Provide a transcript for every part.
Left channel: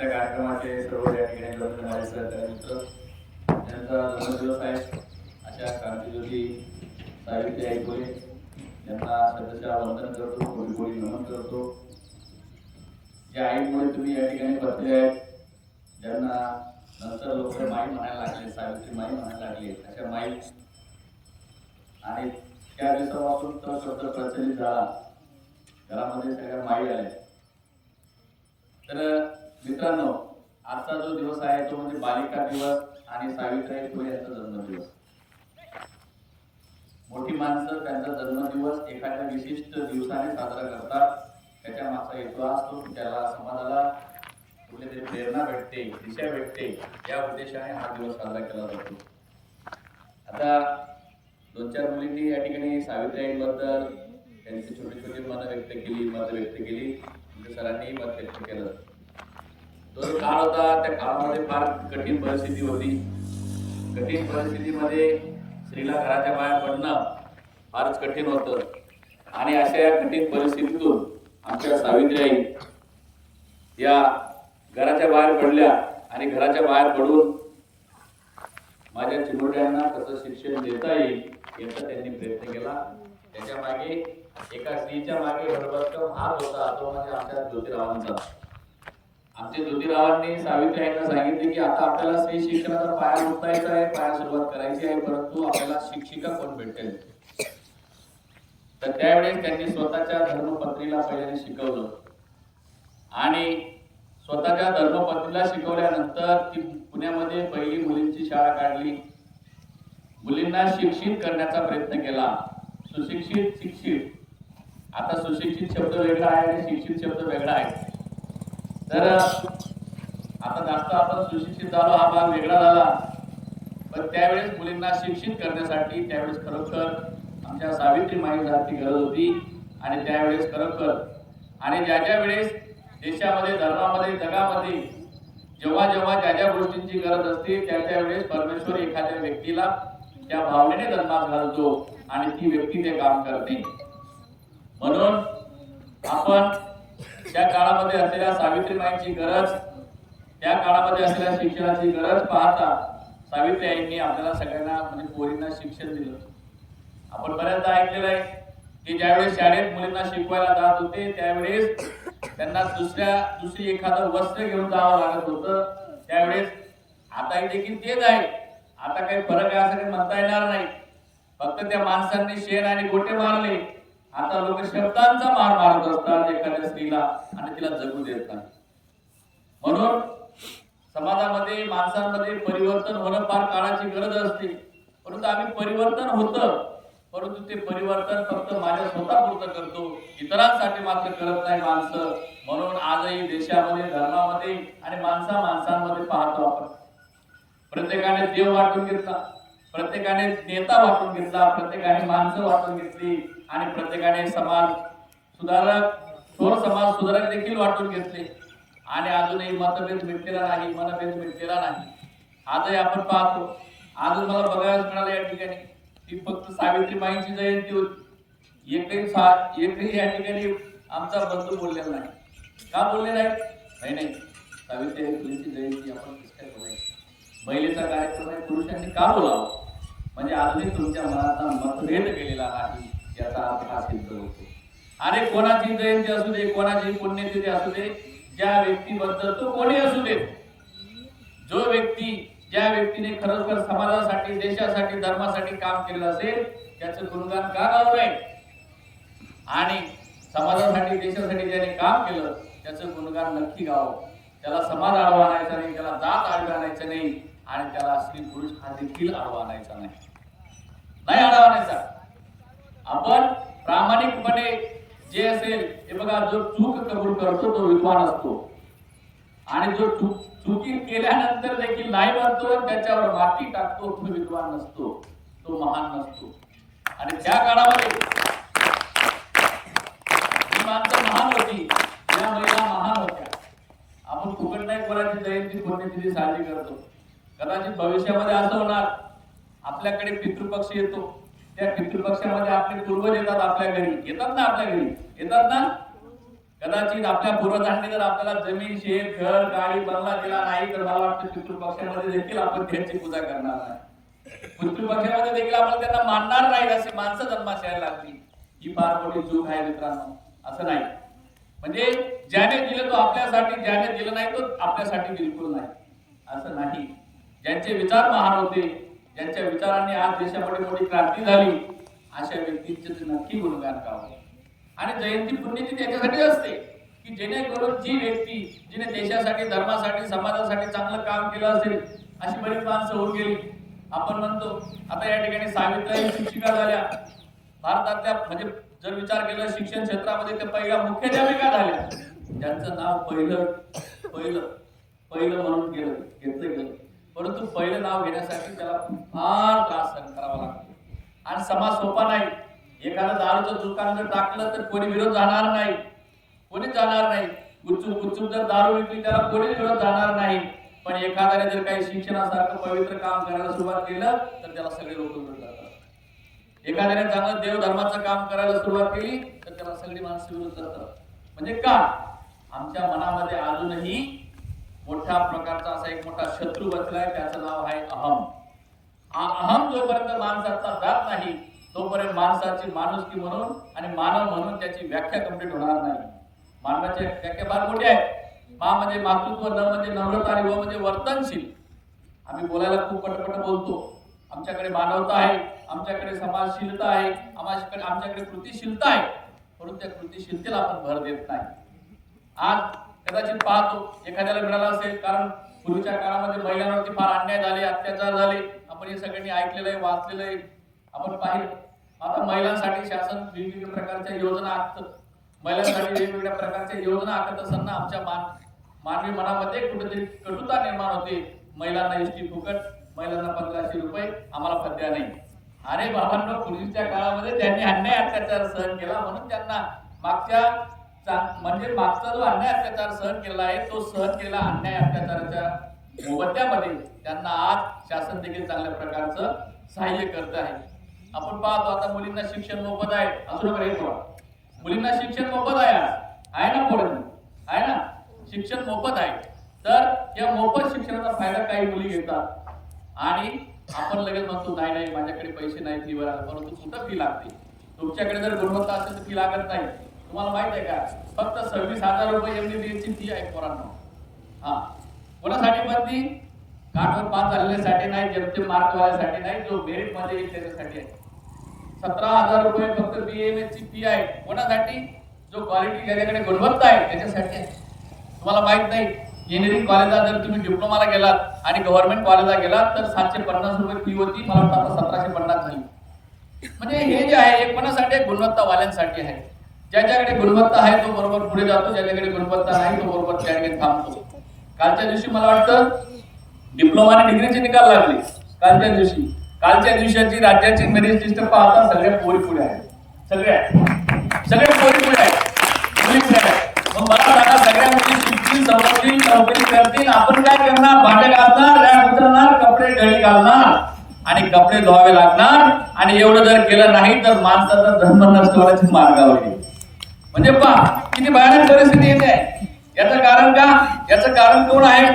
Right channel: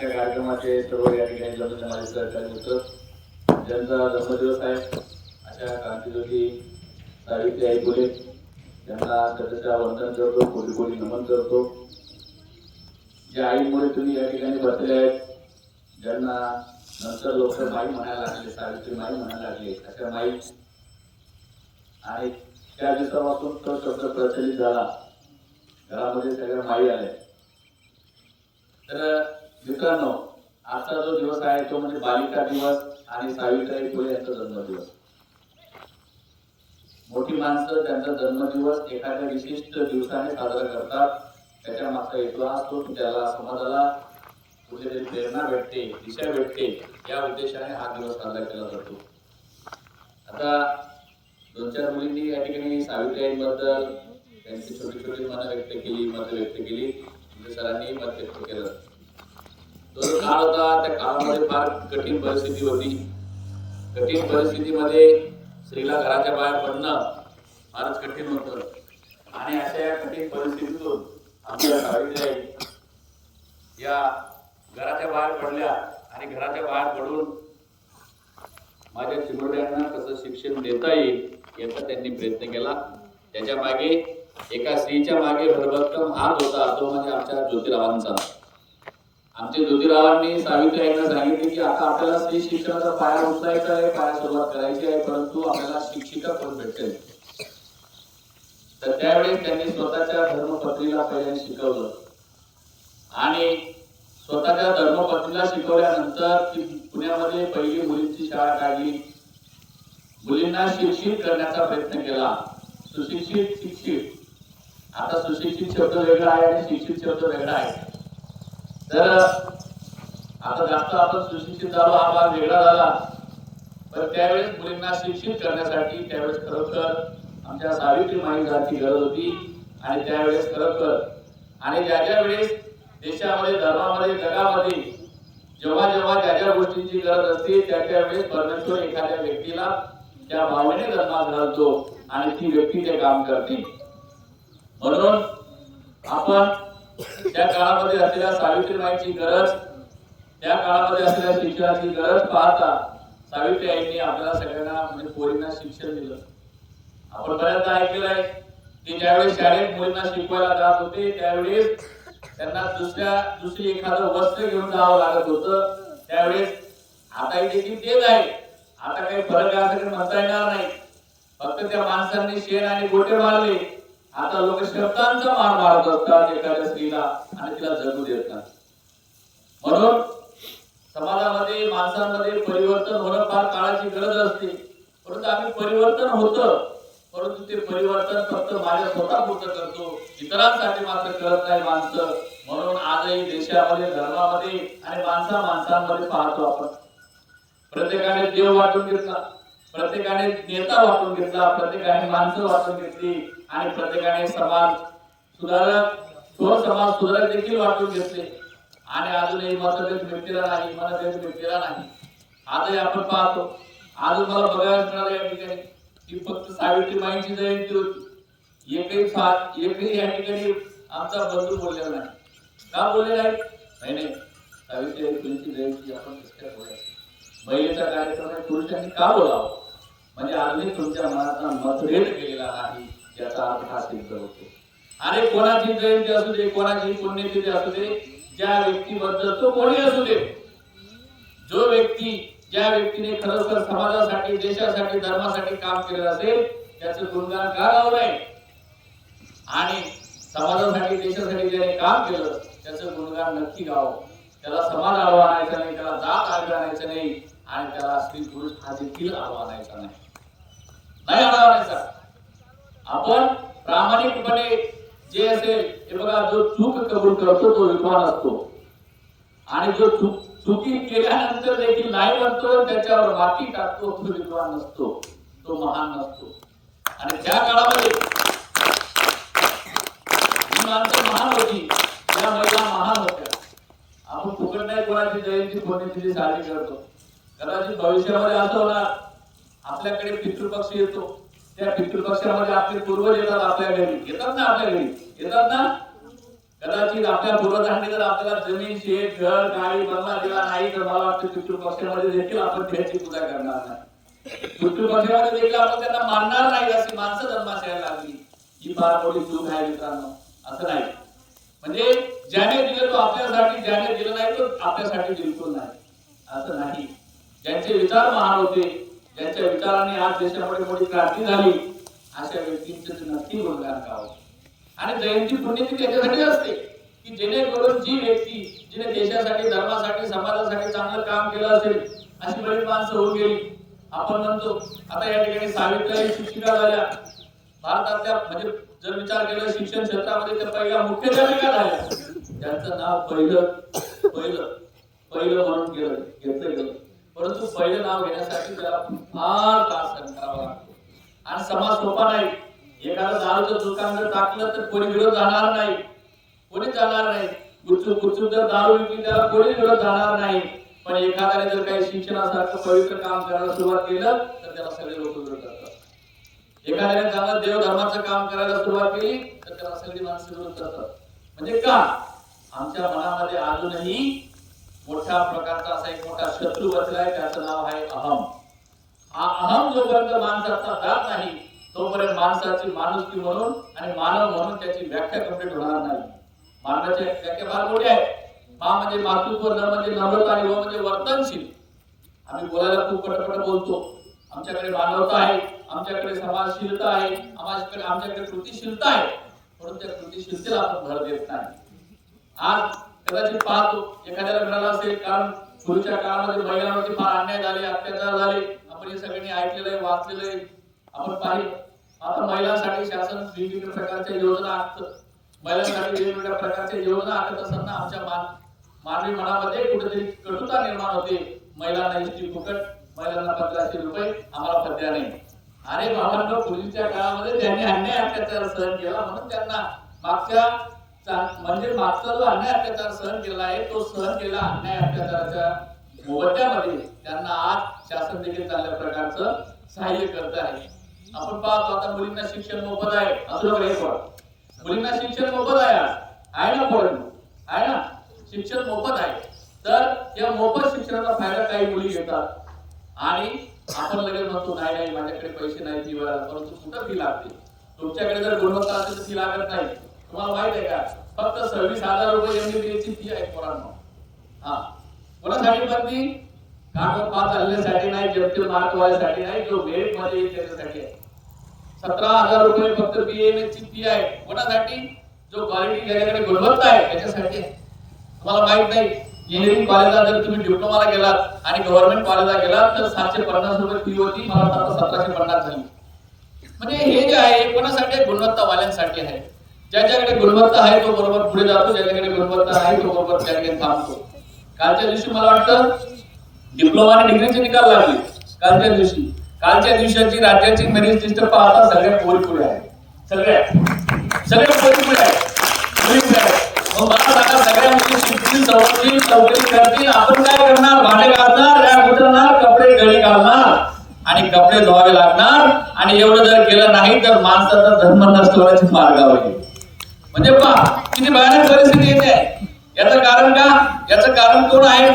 आजच्या कार्यक्रमाचे सर्व या ठिकाणी जमलेले माझे सहकारी मित्र, ज्यांचा जन्मदिवस आहे अशा क्रांतीज्योती सावित्रीबाई फुले यांना सदस्या वंदन करतो, कोटी कोटी नमन करतो. ज्या आईमुळे तुम्ही या ठिकाणी बसले आहेत, ज्यांना नंतर लोक माई म्हणायला लागले, सावित्री माई म्हणायला लागले, अशा माई, आणि त्या दिवसापासून तो शब्द प्रचलित झाला, घरामध्ये सगळ्या माई आल्या. तर मित्रांनो, आजचा जो दिवस आहे तो म्हणजे बालिका दिवस आणि सावित्रीबाई फुले यांचा जन्मदिवस. मोठी माणसं त्यांचा जन्मदिवस एखाद्या विशिष्ट दिवसाने साजरा करतात. त्याच्या मागचा हेतू असतो की त्याला समाजाला कुठलीतरी प्रेरणा भेटते, दिशा भेटते, या उद्देशाने हा दिवस साजरा केला जातो. आता 2-4 मुलींनी या ठिकाणी सावित्रीबाईंबद्दल त्यांची छोटी छोटी मत व्यक्त केली. म्हणजे सरांनी मत व्यक्त केलं. तो जो काळ होता त्या काळामध्ये फार कठीण परिस्थिती होती. कठीण परिस्थितीमध्ये स्त्रीला घराच्या बाहेर पडणं फारच कठीण होतं. आणि अशा या कठीण परिस्थितीतून आमच्या सावित्रीबाई या घराच्या बाहेर पडल्या आणि घराच्या बाहेर पडून माझ्या चिमुरड्यांना कसं शिक्षण देता येईल याचा त्यांनी प्रयत्न केला. त्याच्या मागे एका स्त्रीच्या मागे भरभक्कम हात होता, तो म्हणजे आमच्या ज्योतिरावांचा. आमच्या ज्योतिरावांनी सावित्रीबाईंना सांगितले की आता आपल्याला स्त्री शिक्षणाचा पाया उचलायचा आहे, पाया सुरुवात करायची आहे, परंतु आपल्याला शिक्षिका कोण भेटेल. तर त्यावेळेस त्यांनी स्वतःच्या धर्मपत्नीला पहिल्यांदा शिकवलं आणि स्वतःच्या धर्मपत्नीला शिकवल्यानंतर ती पुण्यामध्ये पहिली मुलींची शाळा काढली. मुलींना शिक्षित करण्याचा प्रयत्न केला. सुशिक्षित, शिक्षित. आता सुशिक्षित शब्द वेगळा आहे आणि शिक्षित शब्द वेगळा आहे. तर आता जास्त आपण सुशिक्षित झालो हा भाग वेगळा झाला. पण त्यावेळेस मुलींना शिक्षित करण्यासाठी त्यावेळेस खरोखर आमच्या सावित्रीमाईंची गरज होती. आणि त्यावेळेस खरोखर आणि ज्या वेळेस देशामध्ये, धर्मामध्ये, जगामध्ये जेव्हा ज्या ज्या गोष्टींची गरज असते त्या वेळेस परमेश्वर एखाद्या व्यक्तीला त्या भावनेने जन्मास घालतो आणि ती व्यक्ती ते काम करते. म्हणून आपण त्या काळामध्ये असलेल्या सावित्रीमाईंची गरज, त्या काळामध्ये असलेल्या शिक्षणाची गरज पाहता सावित्रीबाईंनी आपल्याला सगळ्यांना म्हणजे पोरींना शिक्षण दिलं. आपण बऱ्याचदा ऐकलेलं आहे की ज्यावेळेस शाळेत मुलींना शिकवायला जात होते त्यावेळेस त्यांना दुसरी एखादं वस्त्र घेऊन जावं लागत होतं. त्यावेळेस आता देखील तेच आहे. आता काही फरक आहे असं म्हणता येणार नाही. फक्त त्या माणसांनी शेण आणि गोटे मारले. आता लोक शब्दांचा मार मारत असतात एखाद्या स्त्रीला आणि तिला जगू देत नाही. म्हणून समाजामध्ये, माणसांमध्ये परिवर्तन होणं फार काळाची गरज असते. परंतु आम्ही परिवर्तन होतं, परंतु ते परिवर्तन फक्त माझ्या स्वतःपुरतं करतो, इतरांसाठी मात्र करत नाही माणसं. म्हणून आजही देशामध्ये, धर्मामध्ये आणि माणसांमध्ये पाहतो आपण प्रत्येकाने देव वाटून घेतला, प्रत्येकाने नेता वाटून घेतला, प्रत्येकाने माणसं वाटून घेतली आणि प्रत्येकाने समाज सुधारक, थोर समाज सुधारक देखील वाटून घेतले. आणि अजूनही मतभेद मिटलेला नाही, मनभेद मिटलेला नाही. आजही आपण पाहतो. अजून मला बघायला मिळालं या ठिकाणी ती फक्त सावित्रीमाईंची जयंती होती. एकही या ठिकाणी आमचा बंधू बोललेला नाही. का बोलले नाही? सावित्रीबाई फुलेंची जयंती आपण कसं काय बोलायची? महिलेचा कार्यक्रम आहे, पुरुषांनी का बोलावं? म्हणजे अजूनही तुमच्या मनाचा मतभेद केलेला नाही याचा अर्थ हा सिद्ध होतो. अरे कोणाची जयंती असू दे, कोणाची पुण्यतिथी असू दे, ज्या व्यक्तीबद्दल तो कोणी असू दे, जो व्यक्ती, ज्या व्यक्तीने खरोखर समाजासाठी, देशासाठी, धर्मासाठी काम केलेलं असेल त्याचं गुणगान का गावं नाही? आणि समाजासाठी, देशासाठी ज्याने काम केलं त्याचं गुणगान नक्की गावं. त्याला समाज आडवा आणायचा नाही, त्याला जात आडवा आणायचं नाही आणि त्याला स्त्री पुरुष हा देखील आडवा आणायचा नाही आडवा आणायचा. आपण प्रामाणिकपणे जे असेल हे बघा, जो चूक कबूल करतो तो विद्वान असतो आणि जो चुकी केल्यानंतर देखील नाही म्हणतो, त्याच्यावर माती टाकतो, तो विद्वान नसतो, तो महान नसतो. आणि त्या काळामध्ये ही माणसं महान होती, या महिला महान होत्या. आपण फुकट नाही कोणाची जयंती, पुण्यतिथी साजरी करतो. कदाचित भविष्यामध्ये असं होणार, आपल्याकडे पितृपक्ष येतो, त्या पितृपक्षामध्ये आपले पूर्वज येतात, आपल्या घरी येतात ना, आपल्या घरी येतात ना. कदाचित आपल्या पूर्वजांनी जर आपल्याला जमीन, शेत, घर, गाडी, बंगला दिला नाही तर मला वाटतं पितृपक्षामध्ये देखील आपण त्यांची पूजा करणार नाही. पितृपक्षामध्ये देखील आपण त्यांना मानणार नाही. अशी माणसं जन्मास यायला लागली. ही फार मोठी चूक आहे मित्रांनो. असं नाही, म्हणजे ज्याने दिलं तो आपल्यासाठी, ज्याने दिलं नाही तो आपल्यासाठी बिलकुल नाही, असं नाही. ज्यांचे विचार महान होते, ज्यांच्या विचारांनी आज देशामध्ये मोठी क्रांती झाली, अशा व्यक्तींचे नक्की गुणगान गावं. आणि जयंती पुण्यतिथी त्याच्यासाठी असते की जेणेकरून जी व्यक्ती जिने देशासाठी, धर्मासाठी, समाजासाठी चांगलं काम केलं असेल, अशी बरीच माणसं होऊन गेली. आपण म्हणतो आता या ठिकाणी सावित्रीबाई शिक्षिका झाल्या. भारतातल्या म्हणजे जर विचार केला शिक्षण क्षेत्रामध्ये त्या पहिल्या मुख्याध्यापिका झाल्या. ज्यांचं नाव पहिलं म्हणून घेतलं गेलं. परंतु पहिलं नाव घेण्यासाठी त्याला फार त्रास सहन करावा लागतो. आणि समाज सोपा नाही. एखादं दारूचं दुकान जर टाकलं तर कोणी विरोध जाणार नाही, कोणी जाणार नाही. गुपचूप जर दारू विकली त्याला कोणी विरोध जाणार नाही. पण एखाद्याने जर काही शिक्षणासारखं पवित्र काम करायला सुरुवात केलं तर त्याला सगळे लोक विरोध करतात. एखाद्याने चांगलं देवधर्माचं काम करायला सुरुवात केली तर त्याला सगळी माणसं विरोध करतात. म्हणजे का? आमच्या मनामध्ये अजूनही मोठ्या प्रकारचा असा एक मोठा शत्रू बसलाय, त्याचं नाव आहे अहम. हा अहम जोपर्यंत माणसाचा जात नाही तोपर्यंत माणसाची माणुसकी म्हणून आणि मानव म्हणून त्याची व्याख्या कंप्लीट होणार नाही. मानवाची व्याख्या फार मोठी आहे. मा म्हणजे मातृत्व, न म्हणजे नम्रता आणि व म्हणजे वर्तनशील. आम्ही बोलायला खूप पटपट बोलतो. आमच्याकडे मानवता आहे, आमच्याकडे समाजशीलता आहे, आमच्याकडे कृतीशीलता आहे, म्हणून त्या कृतीशीलतेला आपण भर देत नाही. आज कदाचित पाहतो एखाद्याला मिळाला असेल, कारण पूर्वीच्या काळामध्ये महिलांवरती फार अन्याय झाले, अत्याचार झाले. आपण हे सगळ्यांनी ऐकलेलं आहे, वाचलेलं आहे, आपण पाहिलं. आता महिलांसाठी शासन वेगवेगळ्या प्रकारच्या योजना आखत, महिलांसाठी वेगवेगळ्या प्रकारच्या योजना आखत असताना आमच्या मानवी मनामध्ये कुठेतरी कटुता निर्माण होते. महिलांना इष्टी फुकट, महिलांना 1500 रुपये, आम्हाला पद्या नाही. अरे बाबांनो, पूर्वीच्या काळामध्ये त्यांनी अन्याय अत्याचार सहन केला म्हणून त्यांना मागचा जो अन्याय अत्याचार सहन केला आहे तो सहन केला अन्याय अत्याचाराच्या मोबदल्यामध्ये त्यांना आज शासन देखील चांगल्या प्रकारचं सहाय्य करत आहे. आपण पाहतो आता मुलींना शिक्षण मोफत आहे. मुलींना शिक्षण मोफत आहे ना पोरांनो, आहे ना, शिक्षण मोफत आहे. तर या मोफत शिक्षणाचा फायदा काही मुली घेतात आणि आपण लगेच म्हणतो नाही माझ्याकडे पैसे नाही फी भरायला. परंतु कुठं फी लागते? तुमच्याकडे जर गुणवत्ता असेल तर फी लागत नाही. तुम्हाला माहित आहे का? फक्त 26,000 रुपये MBBS ची फी आहे पोरांनो. कोणासाठी पण ती काठवर पास झालेल्यासाठी नाही, जेमते मार्क वाल्यासाठी नाही, जो मेरिट मध्ये येईल त्याच्यासाठी आहे. 17,000 रुपये फक्त BAMS ची फी आहे. कोणासाठी? जो क्वालिटी, ज्याच्याकडे गुणवत्ता आहे त्याच्यासाठी आहे. तुम्हाला माहित नाही, इंजिनिअरिंग कॉलेजला जर तुम्ही डिप्लोमाला गेलात आणि गव्हर्नमेंट कॉलेजला गेलात तर 750 रुपये फी होती. मला वाटतं 1750 झाली. म्हणजे हे जे आहे हे कोणासाठी आहे? गुणवत्ता वाल्यांसाठी आहे. ज्याच्याकडे गुणवत्ता आहे तो बरोबर पुढे जातो, ज्याच्याकडे गुणवत्ता नाही तो बरोबर त्या ठिकाणी थांबतो. कालच्या दिवशी मला वाटतं डिप्लोमा आणि डिग्रीचे निकाल लागले. कालच्या दिवसाची राज्याची मेरिट लिस्ट पाहता सगळ्या पोरी पुढे आहेत. सगळ्या पोरी पुढे आहेत, मुली पुढे आहेत. मग मला सांगा, सगळ्या मुली शिकतील, सवरतील, नोकरी करतील, आपण काय करणार? भांडे घालणार, रॅक उचलणार, कपडे गळी घालणार आणि कपडे धुवावे लागणार. आणि एवढं जर केलं नाही तर माणसाचा धर्म नष्ट होण्याच्या मार्गावर येईल. म्हणजे पहा किती भयानक परिस्थिती येते. याचं कारण का? याचं कारण कोण आहे?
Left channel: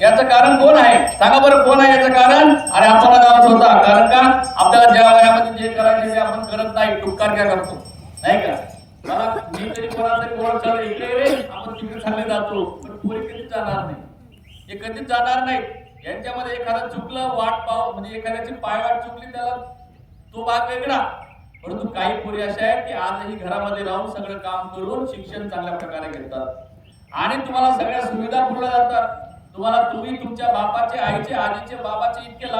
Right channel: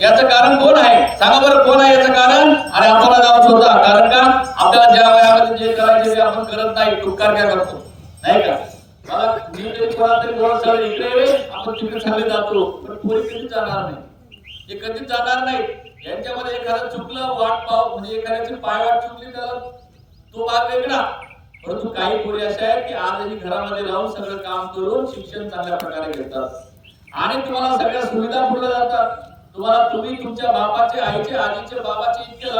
याचं कारण कोण आहे? सांगा बरं, कोण आहे याचं कारण? आणि आपल्याला जाऊन होता. कारण का? आपल्याला ज्या वयामध्ये जे करायचे ते आपण करत नाही, टुक्कार काय करतो, नाही का? मला मी तरी कोणाला तरी बोलत चालू इकडे रे, आपण तिकडे चालले जातो, पण पोरी कधीच जाणार नाही. हे कधीच जाणार नाही. यांच्यामध्ये एखादं चुकलं, वाट पाव म्हणजे एखाद्याची पायवाट चुकली त्याला तो भाग वेगळा. परंतु काही पोरी अशा आहेत की आजही घरामध्ये राहून सगळं काम करून शिक्षण चांगल्या प्रकारे घेतात आणि तुम्हाला सगळ्या सुविधा पुरवल्या जातात. तुम्ही तुमच्या बापाचे, आईचे, आजीचे, बाबाचे इतके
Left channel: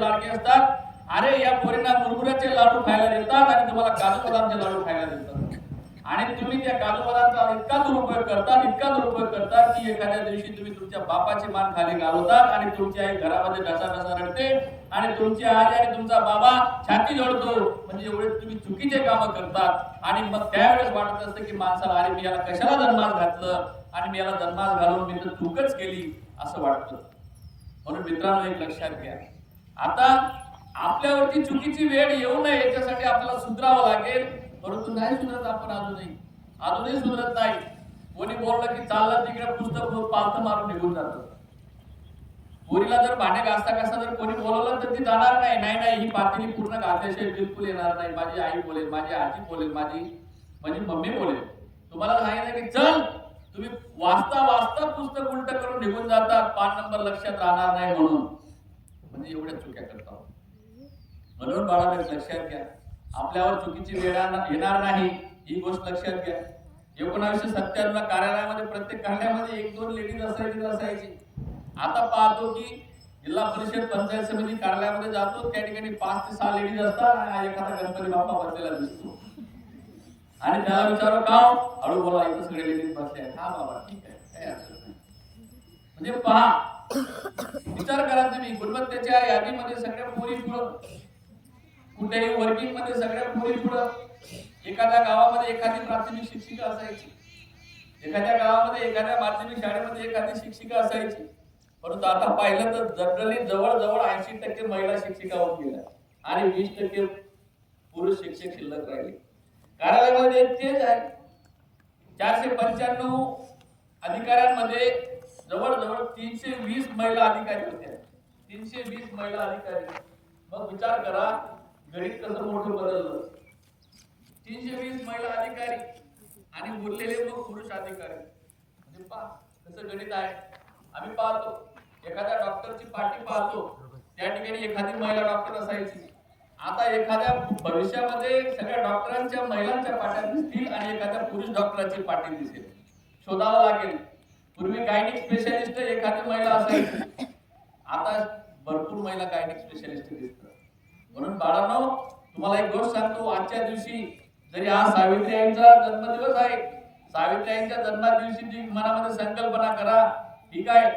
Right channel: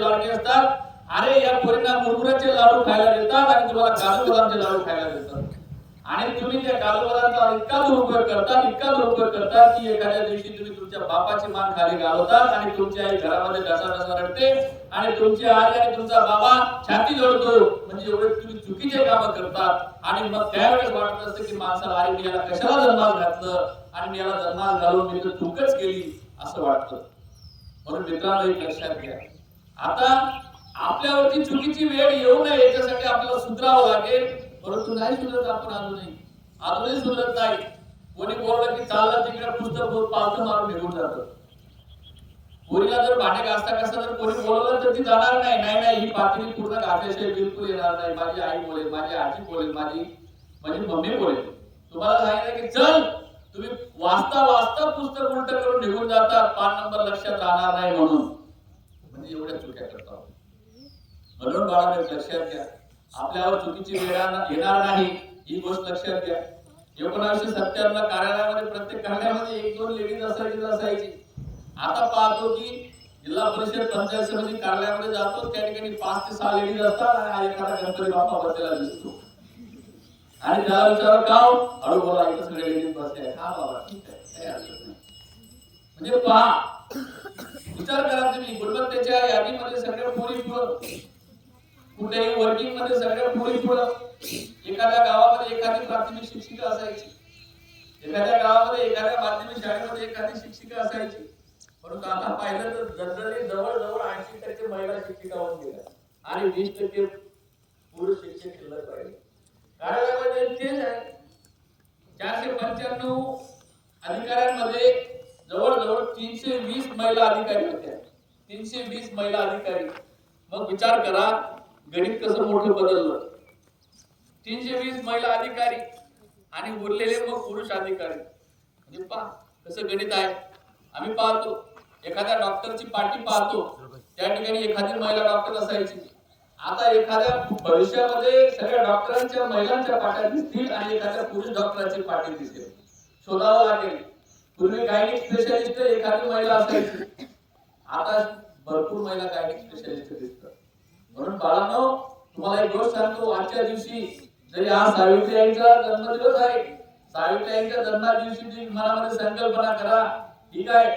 लाडके असतात. अरे या पोरींना मुरमुऱ्याचे लाडू खायला देतात आणि तुम्हाला काजू बदामचे लाडू खायला देतात. आणि तुम्ही त्या काजू बदामचा इतका दुरुपयोग करतात की एखाद्या दिवशी तुम्ही तुमच्या बापाची मान खाली घालवतात आणि तुमची आई घरामध्ये ढसा रडते आणि तुमची आई आणि तुमचा बाबा छाती जोडतो. म्हणजे एवढे तुम्ही चुकीचे कामं करतात. आणि मग त्यावेळेस वाटत असतं की माणसाला, अरे मी याला कशाला जन्मास घातलं आणि मी याला जन्मास घालून मी तर चूकच केली असं वाटतं. म्हणून मित्रांनो एक लक्षात घ्या, आता आपल्यावरती चुकीची वेळ येऊ नये याच्यासाठी आपल्याला सुधारावं लागेल. परंतु नाही सुधारत आपण अजूनही. अजूनही सुधरत नाही. कोणी बोललं की चाललं तिकडे पुस्तक पालतं मारून निघून जातं. पोरीला जर भांडे घासता घासता जर कोणी बोलवलं तर ती जाणार नाही. नाही नाही, ही पातेली पूर्ण घासल्याशिवाय बिलकुल येणार नाही. माझी आई बोलेल, माझी आजी बोलेल, माझी मम्मी बोलेल. तुम्हाला सांगितलं की चल, तुम्ही वाचता वाचता पुस्तक उलट करून निघून जातात, 5 नंबर लक्षात राहणार नाही म्हणून. म्हणजे एवढ्या चुक्या करतात. म्हणून बाळांनो लक्षात घ्या, आपल्यावर चुकीची वेळ येणार नाही ही गोष्ट लक्षात घ्या. 1997 ला कार्यालयामध्ये प्रत्येक कार्यालयामध्ये 1-2 लेडीज असायची. आता पाहतो की जिल्हा परिषद पंचायत समिती कार्यालयामध्ये जातो, त्या ठिकाणी 5 ते 6 लेडीज असतात आणि एखादा गणपती बाप्पा बसलेला दिसतो. आणि त्याला विचार का हळू बोला, इथं सगळे लेडीज बसले आहेत. हा बाबा ठीक आहे, काही अडचण नाही. म्हणजे पहा, विचार करा तुम्ही, गुणवत्तेच्या यादीमध्ये सगळ्या पोरी पुढं, कुठेही वर्किंग मध्ये सगळ्या पोरी पुढं. एखाद्या गावामध्ये एखादी प्राथमिक शिक्षिका असायची, एखाद्या गावामध्ये एखाद्या माध्यमिक शाळेमध्ये एखादी शिक्षिका असायची. परंतु आता पाहिलं तर जनरली जवळजवळ 80% महिला शिक्षिका होऊन गेल्या आणि 20% पुरुष शिक्षक शिल्लक राहिले. कार्यालयामध्ये तेच आहे. 495 अधिकाऱ्यांमध्ये जवळजवळ 320 महिला अधिकारी होत्या. 320 महिला अधिकारी. मग विचार करा गणित कसं मोठं बदललं. 320 महिला अधिकारी आणि उरलेले मग पुरुष अधिकारी. म्हणजे पहा कसं गणित आहे. आम्ही पाहतो एखाद्या डॉक्टरची पाठी पाहतो, त्या ठिकाणी एखादी महिला डॉक्टर असायची. आता एखाद्या भविष्यामध्ये सगळ्या डॉक्टरांच्या महिलांच्या पाट्या दिसतील आणि एखाद्या पुरुष डॉक्टरांची पाठी दिसेल. शोधावं लागेल. पूर्वी गायनिक स्पेशालिस्ट एखादी महिला असायची, आता भरपूर महिला गायनिक स्पेशालिस्ट दिसतात. म्हणून बाळांनो तुम्हाला एक गोष्ट सांगतो, आजच्या दिवशी जरी हा सावित्रीबाईंचा जन्मदिवस आहे, सावित्रीबाईंच्या जन्मा दिवशी ती मनामध्ये संकल्पना करा, ठीक आहे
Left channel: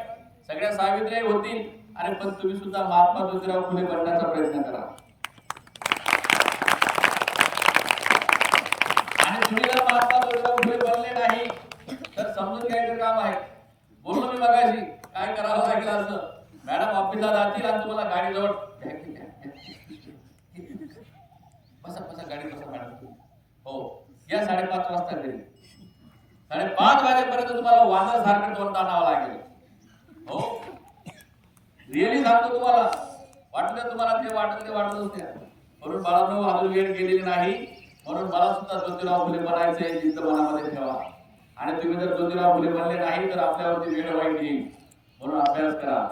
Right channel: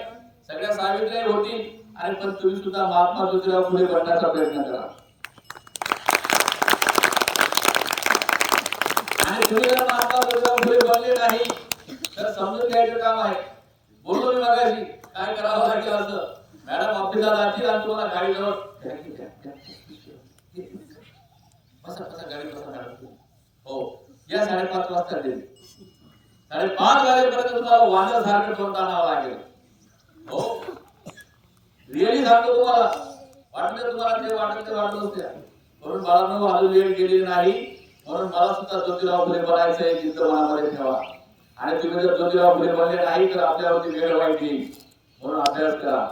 सगळ्या सावित्रीबाई होतील आणि पण तुम्ही सुद्धा महात्मा ज्योतिराव फुले बनण्याचा प्रयत्न करा. आणि तुम्ही जर महात्मा ज्योतिराव फुले बनले नाही तर समजून घ्यायचं काम आहे. बोललो मी मगाशी काय करावं लागेल असं. मॅडम ऑफिसला जातील आणि तुम्हाला गाडी जवळ बसा बसा गाडी बसा मॅडम, हो या 5:30 वाजता गेली. 5:30 वाजेपर्यंत तुम्हाला वांदर सारखं तोंड आणावं लागेल. हो रिअली सांगतो तुम्हाला, वाटलं तुम्हाला ते वाटलंच त्या. म्हणून बाळांनो अजून वेळ गेलेली नाही. म्हणून मला सुद्धा ज्योतिराव फुले बनायचं आहे, जिद्द मनामध्ये ठेवा. आणि तुम्ही जर ज्योतिराव फुले बनले नाही तर आपल्यावरती वेळ वाईट येईल. म्हणून अभ्यास करा.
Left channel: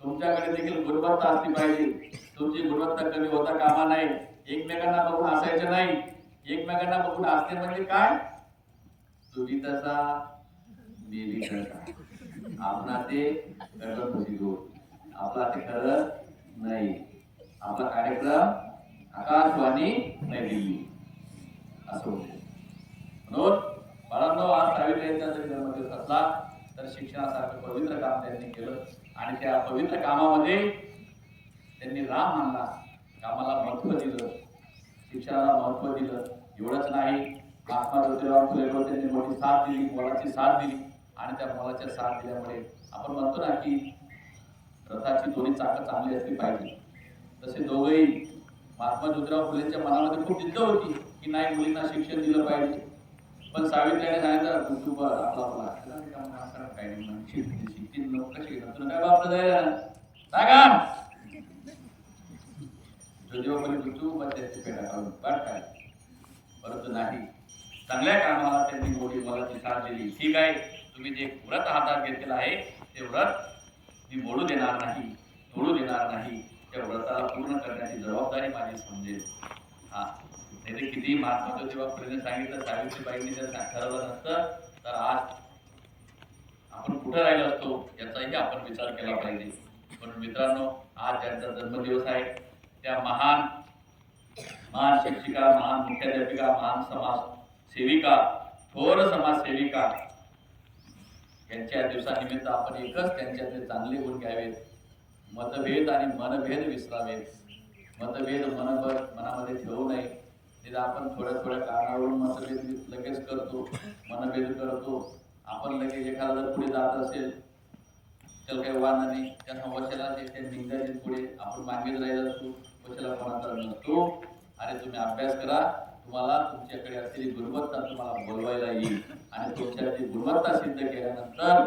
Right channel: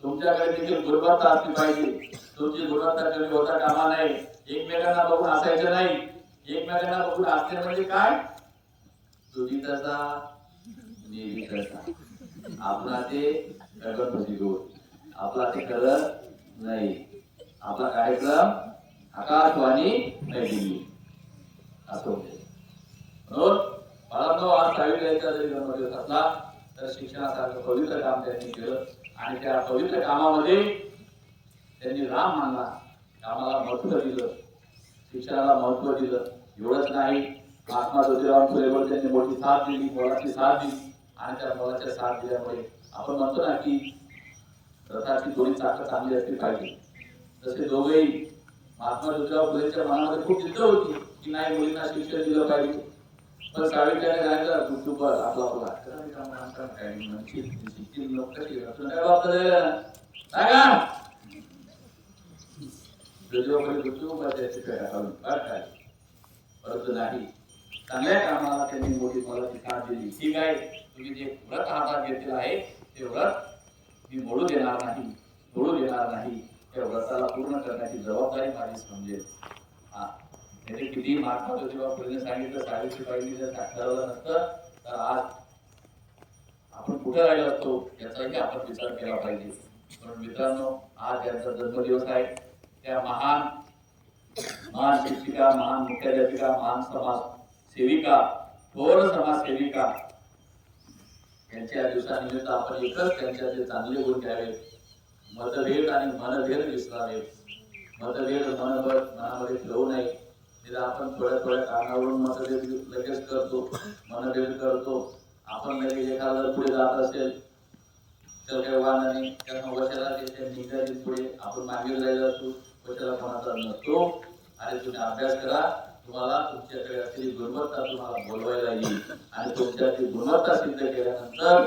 तुमच्याकडे देखील गुणवत्ता असली पाहिजे. तुमची गुणवत्ता कमी होता कामा नाही. एकमेकांना बघून असायचं नाही. एकमेकांना बघून असणे म्हणजे काय, तुम्ही तसा मी तसा, आपला ते गडबड खुशी घेऊ, आपला ते खरं नाही. आपला कार्यक्रम आकाशवाणी नई दिल्ली असं होते. म्हणून बाळांनो आज सावित्रीबाईंचा जरी जन्मदिवस असला तर शिक्षणासारखं पवित्र काम त्यांनी केलं आणि त्या पवित्र कामामध्ये त्यांनी राम मानला, कामाला महत्व दिलं, शिक्षणाला महत्व दिलं. एवढंच नाही, महात्मा ज्योतिराव फुलेवर त्यांनी मोठी साथ दिली, मोलाची साथ दिली. आणि त्या मोलाच्या साथ दिल्यामुळे आपण म्हणतो ना की रथाची दोन्ही चाकं चांगली असली पाहिजे. तसे दोघेही महात्मा ज्योतिराव फुलेंच्या मनामध्ये खूप जिद्द होती की नाही मुलींना शिक्षण दिलं पाहिजे. पण सावित्रीने सांगितलं कुटुंबात आपला काय परंतु नाही, चांगल्या कामाला त्यांनी मोठी मोलाची साथ दिली. ठीक आहे, तुम्ही जे व्रत हातात घेतलेलं आहे ते व्रत मी मोडू देणार नाही, तोडू देणार नाही. त्या व्रताला पूर्ण करण्याची जबाबदारी माझी समजेल. हा नाही तर किती महात्मा ज्योतिराव फुलेंनी सांगितलं, सावित्रीबाईंनी जर ठरवलं नसतं तर आज आपण कुठे राहिलो असतो याचाही आपण विचार केला पाहिजे. म्हणून मित्रांनो आज ज्यांचा जन्मदिवस आहे त्या महान शिक्षिका, महान मुख्याध्यापिका, महान समाज सेविका, थोर समाजसेविका यांच्या दिवसानिमित्त आपण एकच त्यांच्यातले चांगले गुण घ्यावेत. मतभेद आणि मनभेद विसरावेत. मतभेद मनामध्ये ठेवू नये. आपण थोड्या कारणावरून मतभेद लगेच करतो, मनभेद करतो. आपण लगेच एखादा जर पुढे जात असेल तर काही वाद नाही, त्यांना वशाला निघायचे पुढे आपण मागे जायला असतो, वशाला कोणाचा नसतो. आणि तुम्ही अभ्यास करा, तुम्हाला तुमच्याकडे असलेली गुणवत्ता तुम्हाला बोलवायला येईल आणि तुमच्याची गुणवत्ता सिद्ध केल्यानंतर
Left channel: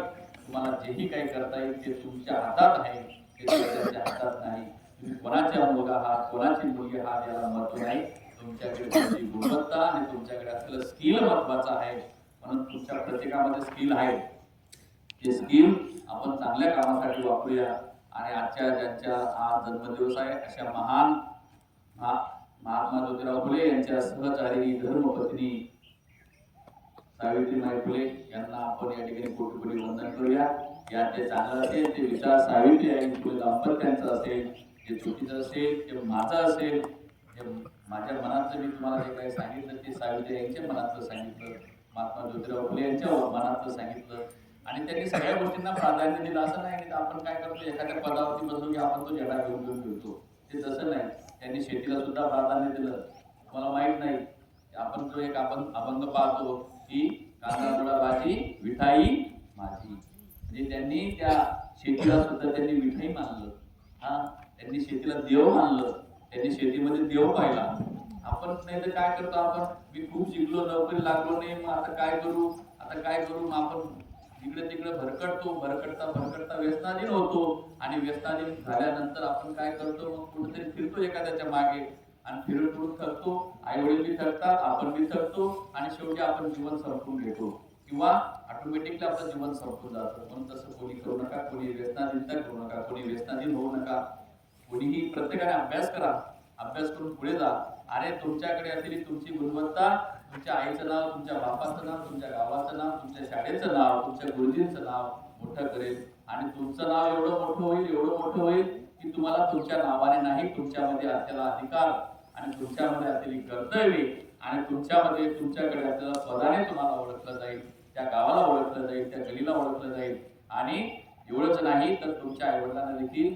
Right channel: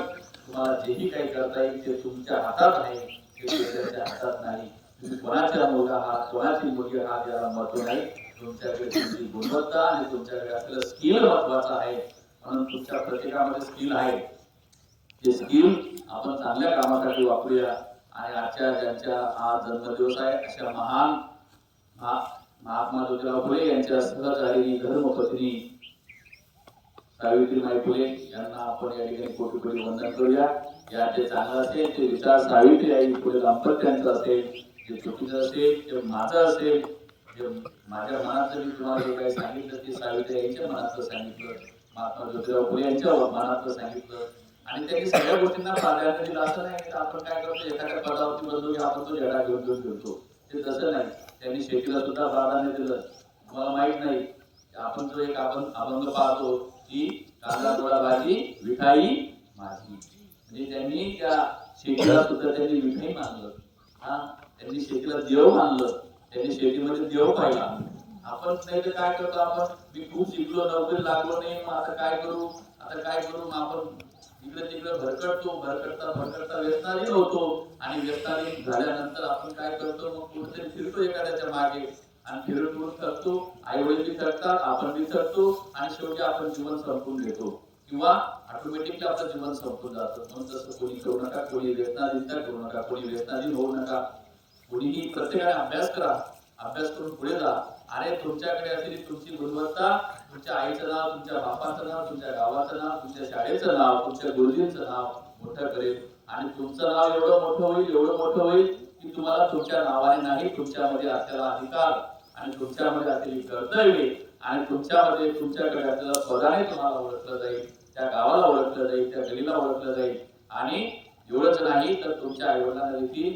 तुम्हाला जेही काही करता येईल ते तुमच्या हातात आहे, ते दुसऱ्याच्या हातात नाही. तुम्ही कोणाचा मुलगा आहात, कोणाची मुलगी आहात याला महत्व नाही. तुमच्याकडे तुमची गुणवत्ता आणि तुमच्याकडे असलेलं स्किल महत्वाचं आहे. म्हणून तुमच्या प्रत्येकामध्ये स्किल आहे, ते स्किल आपण चांगल्या कामासाठी वापरूया. आणि आजच्या ज्यांच्या आज जन्मदिवस आहे अशा महान महात्मा ज्योतिराव फुले यांच्या सहचारिणी धर्मपत्नी सावित्रीबाई फुले यांना आपण या ठिकाणी कोटी कोटी वंदन करूया. यांचे चांगलं असेल ते विचार सावित्रीबाई फुले दाम्पत्यांचं असेल, जे चुकीचं असेल ते माझं असेल, जे माझ्या मनातलं मी तुम्हाला जे काही सांगितलं ते सावित्रीबाईंच्या मनातलं सांगितलं, महात्मा ज्योतिराव फुले यांच्या मनातलं सांगितलं. आणि त्यांनी सगळ्या गोष्टींना प्राधान्य दिलं. असं नाही की आपण काय करतो एखाद्या पदावरती बसलो की आपण तो झेंडा घेऊन फिरतो, ते तसं नाही. त्यांनी शेतीला सुद्धा प्राधान्य दिलं. तुम्हाला माहित नाही आपण जो एक आपण अभंग पाहतो की कांदा गोळा भाजी विठाई माझी, म्हणजे त्यांनी त्या शेतीला सुद्धा त्यांनी विठाई मानलं. त्यांनी शेतीला देव मानलं, त्यांनी शेतीमध्ये देव पाहिला. आपण नाही तर काय करतो, आपण मी खूप शिकलो नोकरी लागलो नाही मग आता काय करू मग आपण इकडे तिकडे भरकटता व्यसनाधीन होतो. आणि व्यसनाधीन झाल्यानंतर आपण काय करतो, मग कुठेतरी फिरतो एखाद्याच्या मागे आणि फिरून थकतो. आई वडील बी थकतात, आपण बी थकतो आणि शेवटी आपण जीवन संपवून घेतो किंवा ऑटोमॅटिकली आपलं जीवन संपून जातं. म्हणून तसं कोणी करू नका, कोणी व्यसनाधीनता करू नका, कोणी व्यसनाधीन होऊ नका. कोणीही प्रत्येकाने अभ्यास करा, अभ्यास करून पुढे जा. अरे तुमच्याकडे असलेली तुमची गुणवत्ता तुमच्या आईचं नाव, तुमच्या बापाचं नाव, तुमच्या गावाचं नाव, तुमच्या शाळेचं नाव, तुमच्या गुरुजींचं नाव मोठं करेल. आणि तुमचं नाव एवढं मोठं होईल की तुम्हाला तुमच्या नावाने नाही, तुमच्यामध्ये असलेला अधिकार आणि तुमच्यामध्ये असलेली कर्तव्ये आणि तुमच्याकडे असलेल्या पदाने तुम्हाला ओळखलं जाईल, त्या गावाला ओळखलं जाईल, त्या गलीला ओळखलं जाईल. आणि एवढंच नाही तर तुमच्या आईवडिलांना देखील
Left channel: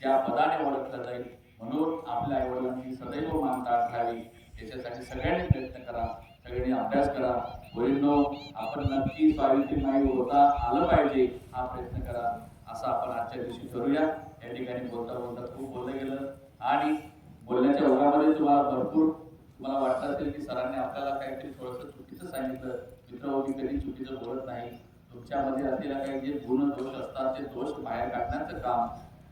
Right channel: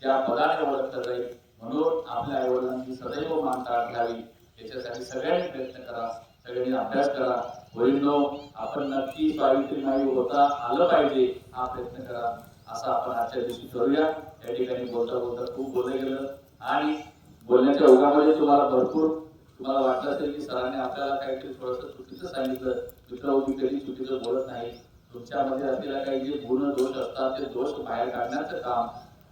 त्या पदाने ओळखलं जाईल. म्हणून आपल्या आईवडिलांची सदैव मानता राहावी याच्यासाठी सगळ्यांनी प्रयत्न करा, सगळ्यांनी अभ्यास करा. वडीलनो आपण नक्की सावित्रीबाई होता आलं पाहिजे हा प्रयत्न करा, असं आपण आजच्या दिवशी ठरूया. या ठिकाणी बोलता खूप बोललं गेलं आणि बोलण्याच्या ओघामध्ये तुम्हाला वाटलं असेल की सरांनी आपल्याला काहीतरी थोडंसं चुकीचं सांगितलं. मित्र मी कधी चुकीचं बोलत नाही. तुमच्यामध्ये असलेला काही जे गुण दोष असतात ते दोष बाहेर काढण्याचं काम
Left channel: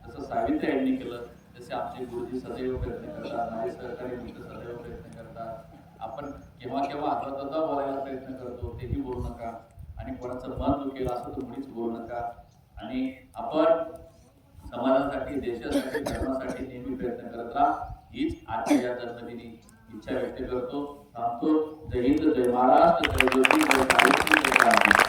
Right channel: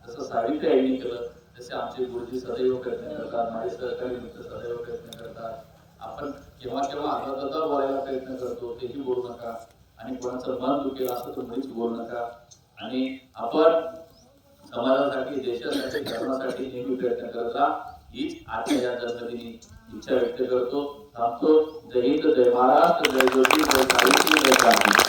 जसं सावित्रीबाईंनी केलं, तसे आमचे गुरुजी सदैव प्रयत्न करतात, माझे सहकारी मित्र सदैव प्रयत्न करतात. आपण केव्हा अद्वा बोलायला प्रयत्न करतो, तेही बोलू नका. आणि कोणाचं मन दुखेल असं तर मुळीच बोलू नका. आणि आपण समाजासाठी, देशासाठी, धर्मासाठी नेहमी प्रयत्न करत राहा, हीच आजच्या या जन्मदिनी इच्छा व्यक्त करतो. थांबतो. जय हिंद, जय महाराष्ट्र, जय ज्योती, जय सावित्री, जय क्रांती.